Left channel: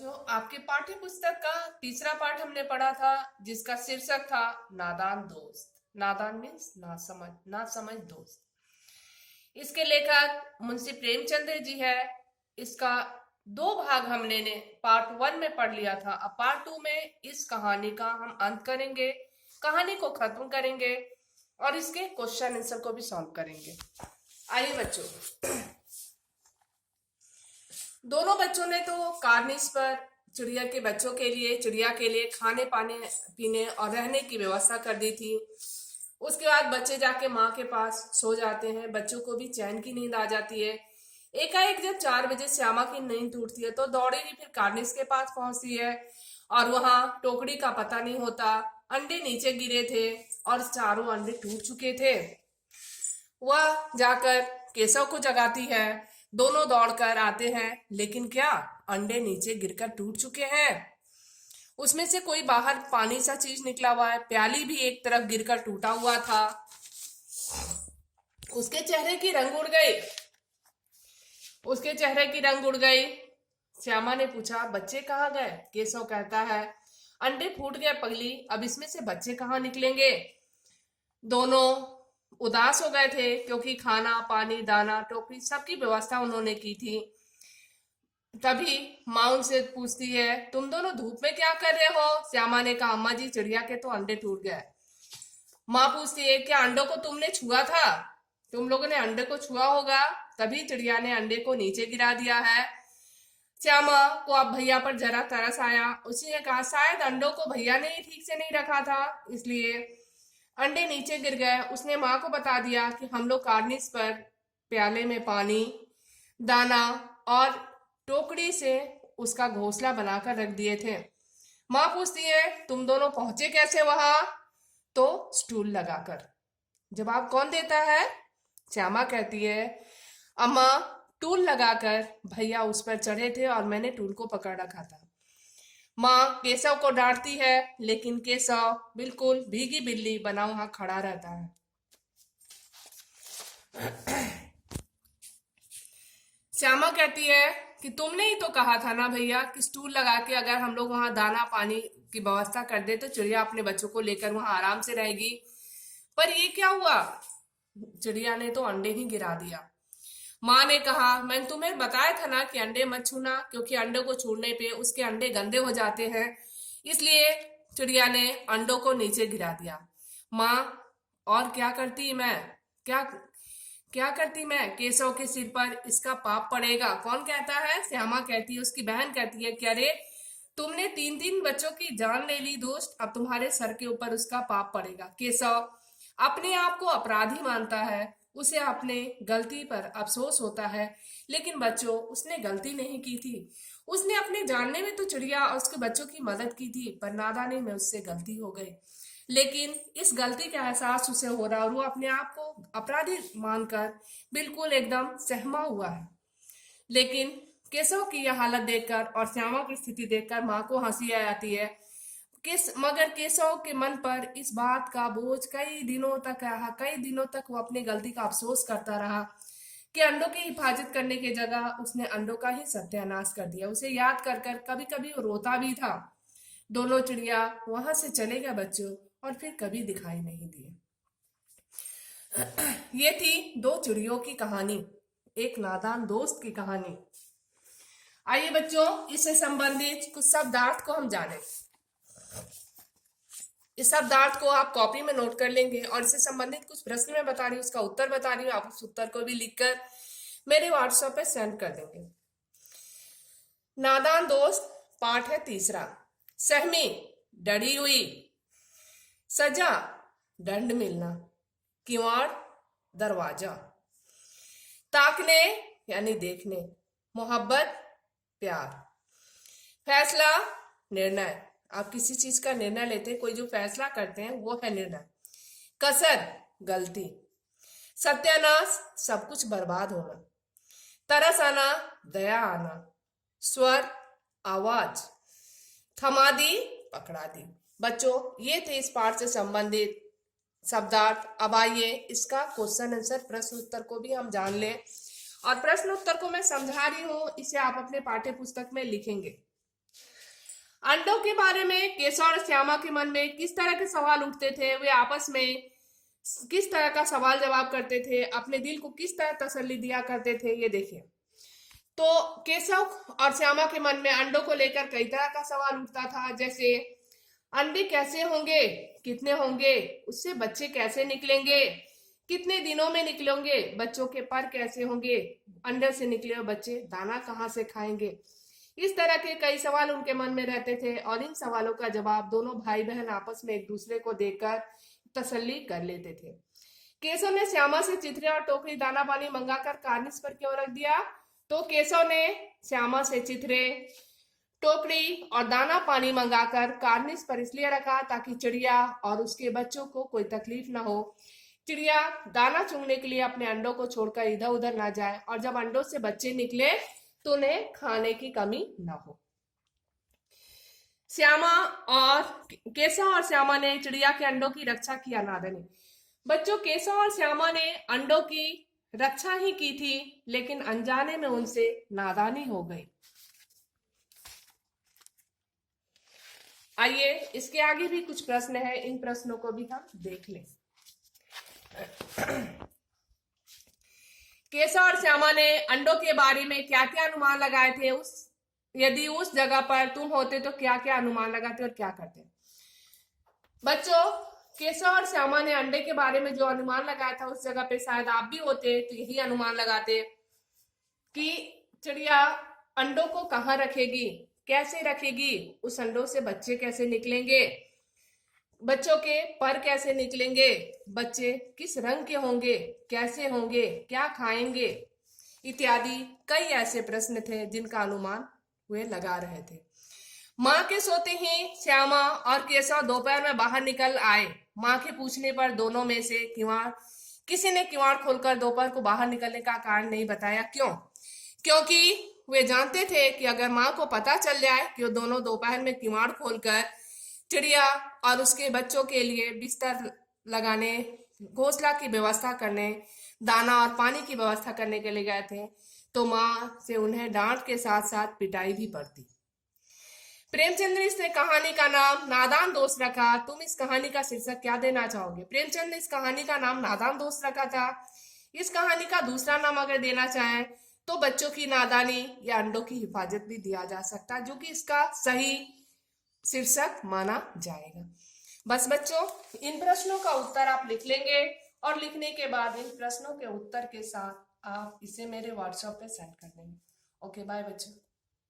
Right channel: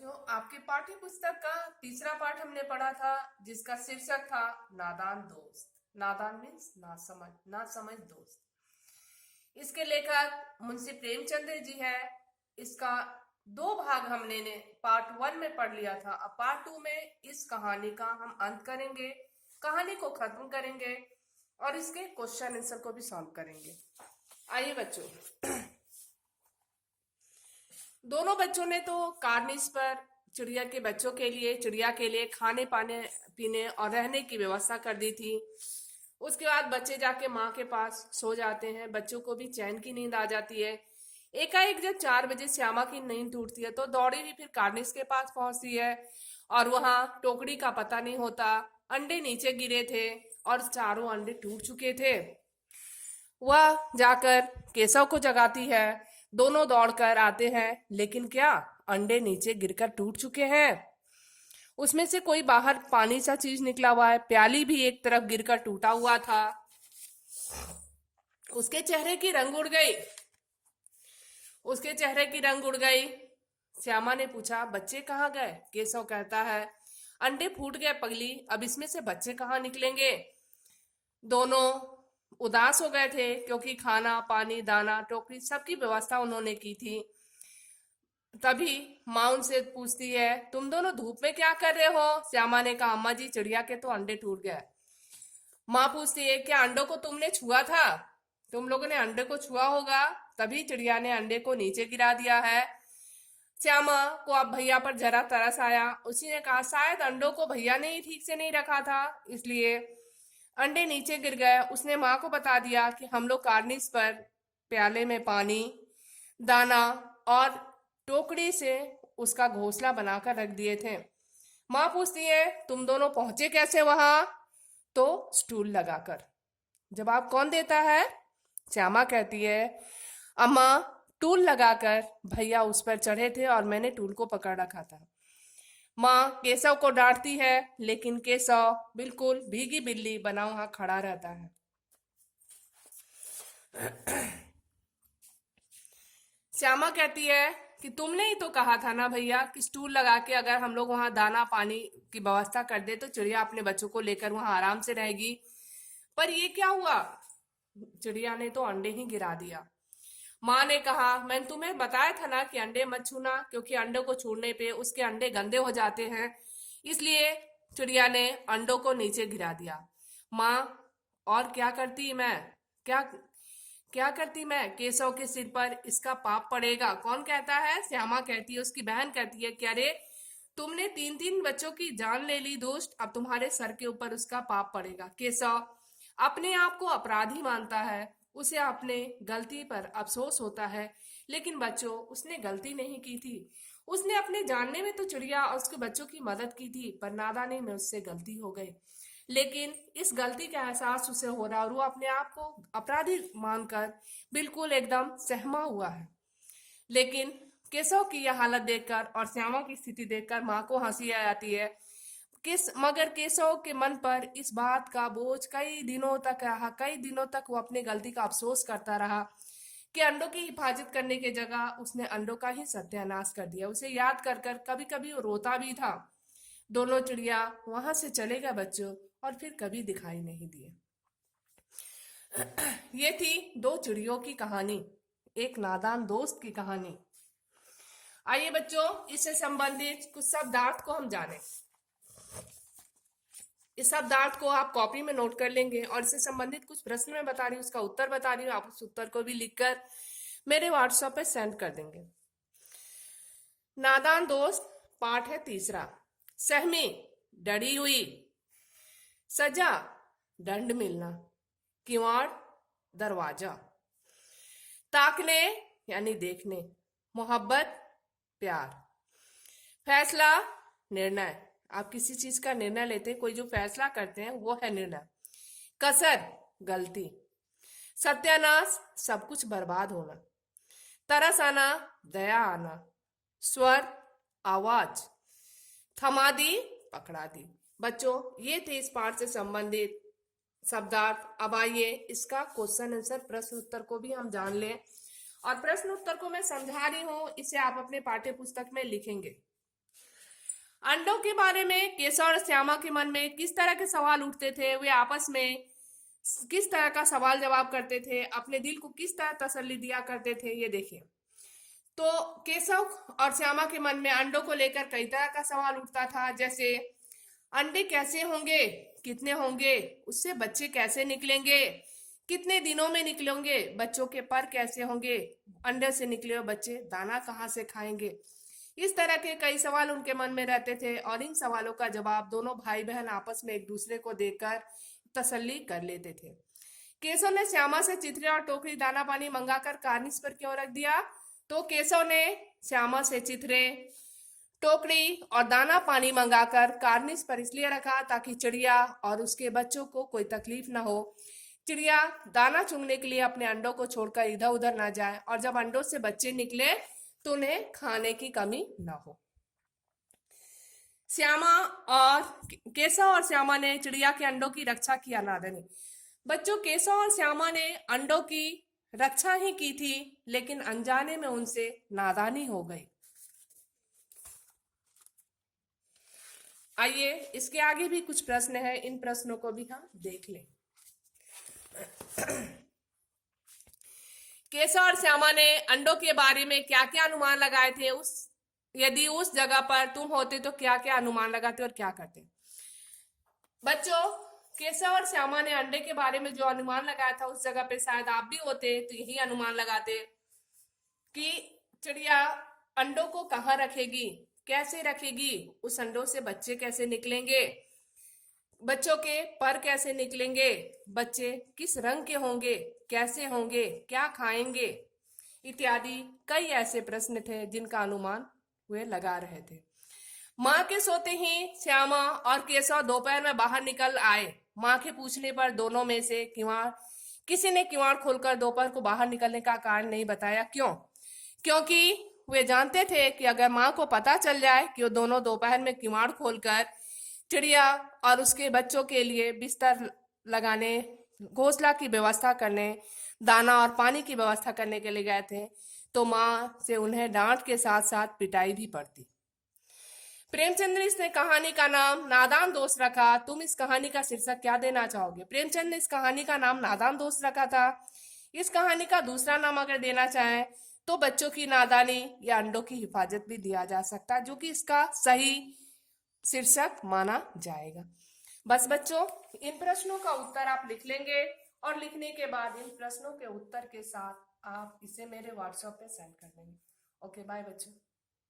बच्चों, आपके पाठ्य पुस्तक का तीसरा पाठ हमने पढ़ा था, जिसका शीर्षक था नादान दोस्त। नादान मीन्स ना समझ, ना समझ दोस्त। इसके लेखक मुंशी प्रेमचंद्र जी है। इसका दो भाग हमने ने पार्ट वन में पढ़ लिया था। अब पार्ट टू में इस कहानी का हम अंत करेंगे, कहानी को खत्म करेंगे और इसके क्वेश्चन आंसर को भी सॉल्व करेंगे। आइए बच्चों, दोनों बच्चों ने तो कार्निस पर चिड़िया के लिए खाने पाने पीने और रहने की व्यवस्था कर दी थी। उसके बाद बच्चे जाके माँ के पास सो जाते हैं। बच्चों को भी चैन की नींद आ जाती है। एकाएक जब 4 बजे श्यामा की नींद टूटती है तो दौड़ी ही फिर कार्निस के पास पहुंचती है और वहां टोकरी का पता नहीं होता। अंडे नीचे गिरे थे और चारों अंडे टूट चुके थे। वह जाकर केशव को जगाती है। दोनों दौड़कर आते हैं, लेकिन क्या अंडे नीचे गिरकर टूट चुके हैं। उसमें से कोई बाहर पानी सा चीज निकला हुआ है। प्याली भी एक तरफ गिरकर टूटा हुआ था। उसके चेहरे की रंग उड़ गई। उसके चेहरे की रंग उड़ गई। श्यामा ने पूछा, बच्चे कहाँ गए? केशव कहता है, अंडे फूट गए पगली, अब इसमें से बच्चे कहाँ निकलेंगे। दोनों उदास हो गए थे क्योंकि खाना पानी दाना टोकरी सबकी व्यवस्था उन्होंने की थी। तभी माँ उनसे पूछती है, तुम दोनों धूप में क्या कर रहे हो? श्यामा ने कहा, अम्मा जी चिड़िया के तो अंडे टूट गए। माँ पूछती है, क्या अंडों को तुमने छुआ था? तुम लोगों ने अंडे को छुआ होगा, तभी चिड़िया ने अंडे को नीचे गिरा दिया है। श्यामा को अब भैया पर जरा तरस आया। उसी ने कहा, शायद अंडों को भैया ने ही ठीक से नहीं रखा था, इसलिए अंडे नीचे गिर गए। उसने माँ को बता दिया कि हम लोग कार्निस पर प्याले में पानी दाना और टोकरी से उसका घोंसला बनाकर रख दिए थे। माँ पूछती है, तुम दोनों पहुंचे कैसे वहां? तो स्टूल लगाकर। जवाब कौन देता है? श्यामा कहती है, अम्मा टूल लगाकर भैया उस पर चढ़े थे और मैंने टूल को पकड़ रखा था। माँ केशव को डांटती है, लेकिन केशव बिल्कुल भीगी बिल्ली बना वहां खड़ा रहता है। श्यामा कहती है कि तुमने ही तो कहा था ना भैया कि स्टूल लगा के अगर हम लोग वहां दाना पानी की व्यवस्था कर दे तो चिड़िया अपने बच्चों को लेकर वहां आराम से रहेगी। पर ये क्या हुआ? चिड़िया ने तो अंडे ही गिरा दिया। माँ ने कहा, मैंने तुम्हें बताया था ना कि अंडे मत छूना, क्योंकि अंडे को छूने पे उसके अंडे गंदे हो जाते हैं। इसलिए चिड़िया ने अंडों को नीचे गिरा दिया। माँ, और क्या करती मैं? क्या क्या करती मैं? केशव के सिर पर इसका पाप पड़ेगा। कौन कहता है? श्यामा कहती है, उसकी बहन कहती है कि अरे तुमने 3 3 बच्चों की जान ले ली दोस्त, अब तुम्हारे सर के ऊपर उसका पाप पड़ेगा। केशव अपने आप को अपराधी मानता है। उसे अपने गलती पर अफसोस होता है, लेकिन बच्चों उसने गलती नहीं की थी। उसने अपने जानने में तो चिड़िया और उसके बच्चों की मदद की थी, पर नादानी में उससे गलती हो गई। लेकिन इस गलती का एहसास उसे हो रहा और वो अपने आप को अपराधी मानकर बिल्कुल एकदम सहमा हुआ है। लेकिन केशव की यह हालत देखकर और श्यामा की स्थिति देखकर माँ को हंसी आ जाती है। मगर केशव के मन पर इस बात का बोझ कई दिनों तक रहा। कई दिनों तक वो अपनी गलती का अफसोस करता रहा कि अंडों की हिफाजत करने की जगह उसने अंडों का ही सत्यानाश कर दिया। उसे याद कर कर कभी कभी वो रोता भी था। दोनों चिड़िया वहां से चले गए बच्चों, और फिर कभी दिखाई नहीं दिए। ये थी दो चिड़ियों की कहानी, एक नादान दोस्त की कहानी। आइए बच्चों, इससे संबंधित कुछ शब्दार्थ को हम जानें। इस शब्दार्थ को आप कॉपी में नोट कर लेंगे और इससे संबंधित कुछ प्रश्न मैं बता रही हूँ, उसका उत्तर बता रही हूँ। आप उस उत्तर को भी लिखकर मेरे व्हाट्सएप पे सेंड कर देंगे। नादान दोस्त पाठ है तीसरा। सहमी, डरी हुई। सजा, दंड मिलना। किवाड़, दरवाजा। ताकने यानी देखने। मोहब्बत, प्यार। फैसला, निर्णय। आप किसी चीज का निर्णय लेते हैं, कोई जो फैसला करते हैं वो है निर्णय। कसर, गलती। सत्यानाश, सब कुछ बर्बाद होना। तरस आना, दया आना। स्वर, आवाज। थमा दी, पकड़ा दी। बच्चों ये थे इस पाठ से संबंधित शब्दार्थ। अब आइए इसका क्वेश्चन आंसर प्रश्न उत्तर को भी हम जान लें। और प्रश्न उत्तर को मैं समझा रही हूँ, इसे आप अपने पाठ्य पुस्तक में लिखेंगे। अंडों के बारे में केशव और श्यामा के मन में किस तरह के सवाल उठते थे, वे आपस में किस तरह का सवाल जवाब करते थे, अपने दिल को किस तरह तसल्ली दिया करते थे, ये देखिए। तो केशव और श्यामा के मन में अंडों को लेकर कई तरह का सवाल उठता था, जैसे अंडे कैसे होंगे, कितने होंगे, उससे बच्चे कैसे निकलेंगे, कितने दिनों में निकलेंगे, बच्चों के पर कैसे होंगे, अंडे से निकले हुए बच्चे दाना कहाँ से खाएंगे। इस तरह के कई सवाल उनके मन में रहते थे और इन सवालों का जवाब दोनों भाई बहन आपस में एक दूसरे को देकर तसल्ली कर लेते थे। केशव ने श्यामा से चिथड़े और टोकरी दाना पानी मंगाकर कार्निस पर क्यों रख दिया? तो केशव ने श्यामा से चिथड़े, टोकरी और दाना पानी मंगाकर कार्निस पर इसलिए रखा ताकि चिड़िया और उसके बच्चों को कोई तकलीफ न हो। चिड़िया दाना चुगने के लिए अपने अंडों को छोड़कर इधर उधर ना जाए और जब अंडों से बच्चे निकले तो उन्हें खाने की कमी न हो। श्यामा और केशव और श्यामा ने चिड़िया के अंडों की रक्षा की अनादनी। बच्चों, केशव और श्यामा ने अंडों की रक्षा ही की थी, लेकिन अनजाने में उनसे नादानी हो गई। आइए इसके आगे भी कुछ प्रश्न है, इन प्रश्नों को भी हम देख लें। केशव और श्यामा ने अंडों के बारे में क्या क्या अनुमान लगाए थे, यदि उस जगह पर तुम होते तो क्या क्या अनुमान लगाते और क्या करते? बच्चों, केशव और श्यामा ने अंडे के बारे में जो अनुमान लगाया था उस जगह पे शायद आप भी होते तो यही अनुमान लगाते कि चिड़िया अंडों को कहाँ रखेगी, कैसे रखेगी, उस अंडों से बच्चे कैसे निकलेंगे, बच्चों के पर कैसे निकलेंगे, बच्चे किस रंग के होंगे, कैसे होंगे, क्या खाएंगे, इत्यादि कई ऐसे प्रश्न थे जिनका अनुमान वे लगा रहे थे। माँ के सोते ही श्यामा और केशव दोपहर में बाहर निकल आए। माँ के पूछने पर दोनों में से किसी ने किवाड़ खोलकर दोपहर को बाहर निकलने का कारण नहीं बताया। क्यों? क्योंकि वे जानते थे कि अगर माँ को पता चल जाए कि वो दोनों दोपहर में किवाड़ खोलकर चिड़िया और उसके बच्चों के लिए बिस्तर लगाने, घोंसला की व्यवस्था करने, दाना और पानी की व्यवस्था करने के लिए गए थे, तो माँ से उन्हें डांट के साथ साथ पिटाई भी पड़ती। प्रेमचंद ने इस कहानी का नाम नादान दोस्त रखा। तुम इस कहानी का शीर्षक क्या देना चाहोगे? प्रेमचंद ने इस कहानी का नाम नादान दोस्त रखा था। इस कहानी का दूसरा नाम अगर देना चाहें तो बच्चों की नादानी या अंडों की हिफाजत भी दिया जा सकता है, जो कि इसका सही शीर्षक माना जाएगा। बस बच्चों, इन प्रश्नों का उत्तर आप लिख लेंगे और लिखने के बाद इन प्रश्नों के उत्तर के साथ आप इसे मेरे व्हाट्सएप पे सेंड कर देंगे। ओके, बाय बच्चों।